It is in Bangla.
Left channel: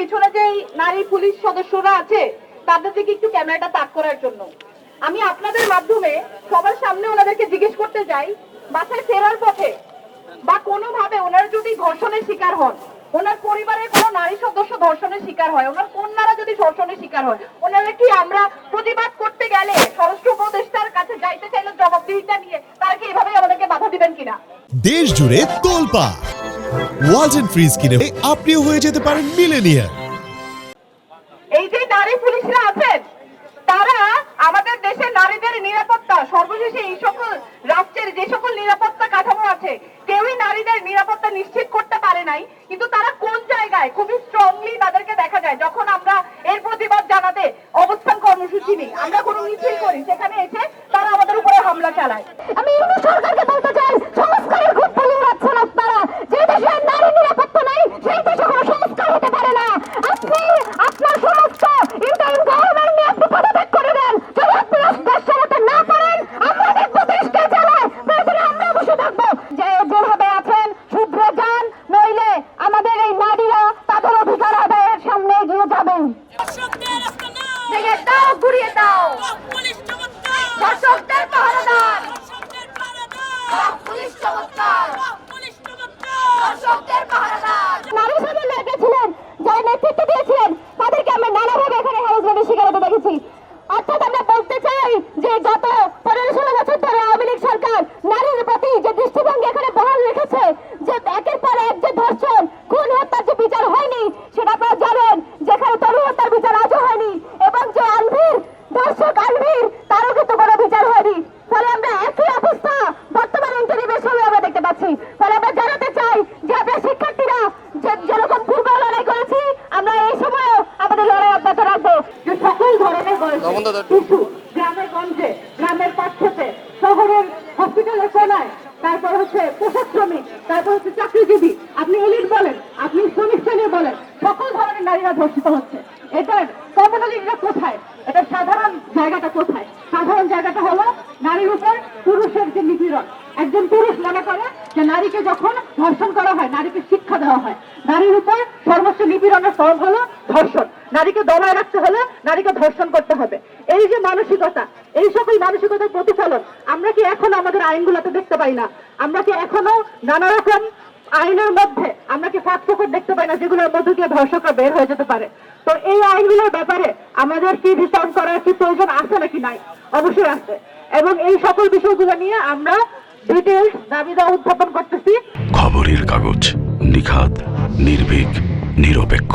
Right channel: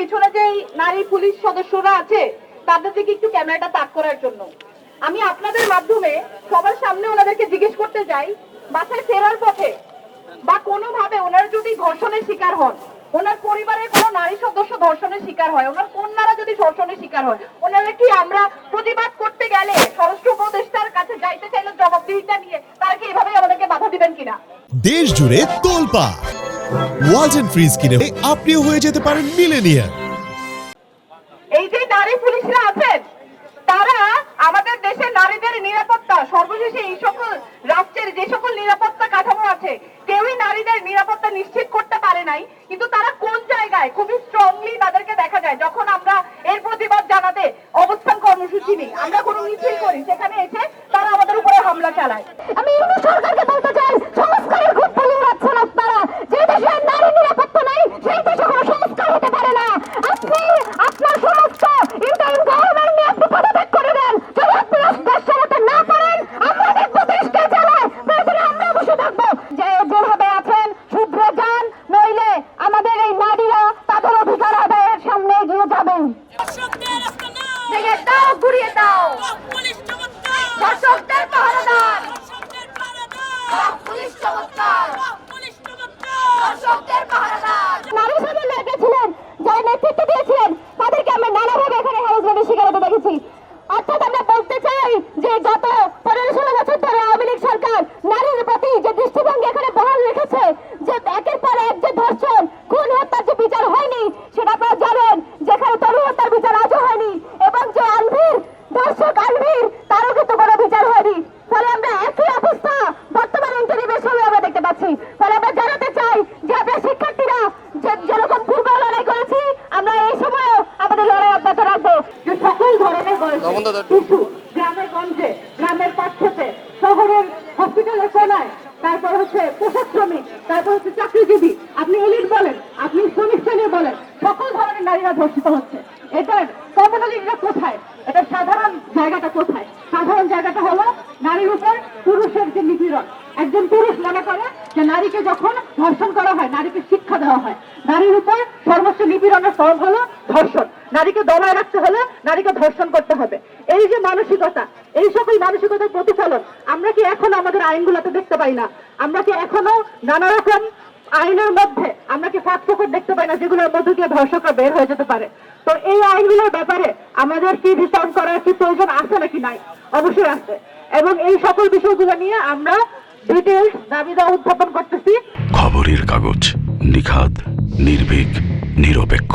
পিছনে যে নারী পুলিশ সদস্যরা আছে, তাদের দিকে একটু ক্যামেরাটা তাক করার জন্য। আমি আপনাদের মাধ্যমে সবার সামনে ওনাদেরকে জিজ্ঞেস করতে চাই বাসায় ফেরার পথে বা কোনোভাবে ওনারা যদি ধর্ষণের শিকার হন, ওনার পরিবারের কোনো নারী সদস্য ধর্ষণের শিকার হয়, ওনার কন্যারা যদি ধর্ষণের শিকার হয়, ওনারা কি আমরা প্রতিবাদ করতে গেলে স্বরাষ্ট্র উপদেষ্টার কাছে যাইতে চাইলে জবাবদিহিতা নিয়ে তারা কি এভাবে আমাদেরকে বাধা দিবেন কিনা? দেশ জুড়ে তোলপা ওয়ালটন ফ্রিজ কিনে আপনিও হয়ে যেতে পারেন মিলেনিয়ার সর্বশেষে এই সকল রাষ্ট্রের যে সকল নিরাপত্তা কাঠামো আছে, কেউই নারীদের নিরাপত্তা নিশ্চিত করতে পারে নাই, কিন্তু তারা কোন জায়গায় খুবই স্ট্রংলি তাদেরকে দেখা যায়, যখন আমরা এর প্রতিবাদ জানাতে অবস্থান কর্মসূচি নিই। আমরা কোনো মিছিল করি, সেখানে এসে তারা আমাদের উপরে হামলা চালায় আমি ইউনিট সরকারকে বলতে চাই সংস্কারের খুব বলি উড়াচ্ছেন আপনারা যে দেশে নারী নিরাপত্তা নাই সেই দেশে কোনো সংস্কার হতে পারে না আপনি আপনার সমস্ত ইন্টারিম গভর্নমেন্ট নিয়ে আপনি পদত্যাগ করে দেন যদি আপনি দেশ চালাতে না পারেন আমরা দেখব দেশকে চালায় প্রয়োজনে আমরা বসে থাকব যে যেভাবে আছেন শুভ্র যান নইলে আমাদের এই নারীরা তাদের অধিকার আদায়ের সামনে এগিয়ে যাবেন দর্শকদের রাস্তা নাও ভেঙে দাও ঘুরিয়ে দাও পুলিশ চমৎকার দর্শকদের পাহারাদার দর্শকদের পাড়া দাও পুলিশ চমৎকার পুলিশ চমৎকার দর্শকদের পাহারাদার নারী সদর লেগেছিলেন যারা নেতৃত্ব দিয়েছিলেন তাদেরকে আমরা নানাভাবে এখানে হ্যারাসমেন্টের শিকার হতে দেখেছি অর্থাৎ আমরা বলতে চাই যে গত পনেরো ষোলো বছর ধরে আওয়ামী লীগ সরকার নারীর প্রতি যে দৃষ্টিভঙ্গি এখানে বহাল রেখেছে যে একের পর এক যে ধর্ষণ খুন হত্যার যে বিচার হয়নি সেটা আপনারা জানেন যেখানে তরু হত্যার বিচার আজও হয়নি এবং যে আলভীর ধর্ষক আলভীর তারও কিন্তু কোনো বিচার হয়নি। ফলে আমরা একই অবস্থা বর্তমান ইন্টারিমের সময় আমরা দেখতে পাচ্ছি। ফলে আমরা জানাতে চাই যে আমরা শিক্ষার্থীরা যে- যেরকম পূর্ব লড়াই করেছি আমরা এই সময়ও আমাদের লড়াই অব্যাহত রাখব। সকল ধরনের বয়সে শিশু গ্রামের গঞ্জে, গ্রামের পাঠ্যতে শহরের হসপিটালের কোনায়, তারপর হচ্ছে পোশাক শ্রমিক তারপর হচ্ছে চাকরিজীবী। আপনি এলিট বলেন, আপনি শ্রমিক শ্রেণি বলেন, সকল ধরনের নারীরা ধর্ষিত হচ্ছে। এটার কমনালিটা কোথায়? এটা সাধারণ জায়গাটা কোথায়? সাধারণ জায়গাটা হলো নারীর উপর পুরুষের যে নিপীড়ন। একজন পুরুষ মনে করে যে নারীকে যখন ধর্ষণ করা হয়, নারীকে শিক্ষা দেওয়া হয়, নারীর উপর সর্বোচ্চ নিপীড়নের ফল হলো ধর্ষণ। নারীকে দমায় রাখতে হলে নারীকে ধর্ষণ করতে হবে। এই যে মানসিকতা, এই সকল মানসিকতার প্রতিফলন, আমরা কি এখন আমাদের আইনগুলোতে দেখতে পাই না? আমরা কি এখনও নানা রকম আইনের মধ্যে, আমরা কি ফাঁক ফোকর দেখতে পাই না যেগুলোর মধ্যে দিয়ে ধর্ষকরা বের হয়ে যেতে পারে? তো এই আইনগুলোর ব্যাপারে আমাদের কি রিসার্চ করার কি প্রয়োজন আছে নাকি নাই? অবশ্যই আছে। এবং এই সকল বিষয়গুলো নিয়ে আমরা ডিটেলস দাবি দেওয়া উত্থাপন করতেছি। খবরের কাগজ নিখাত নির্ভীক, নিরপেক্ষ।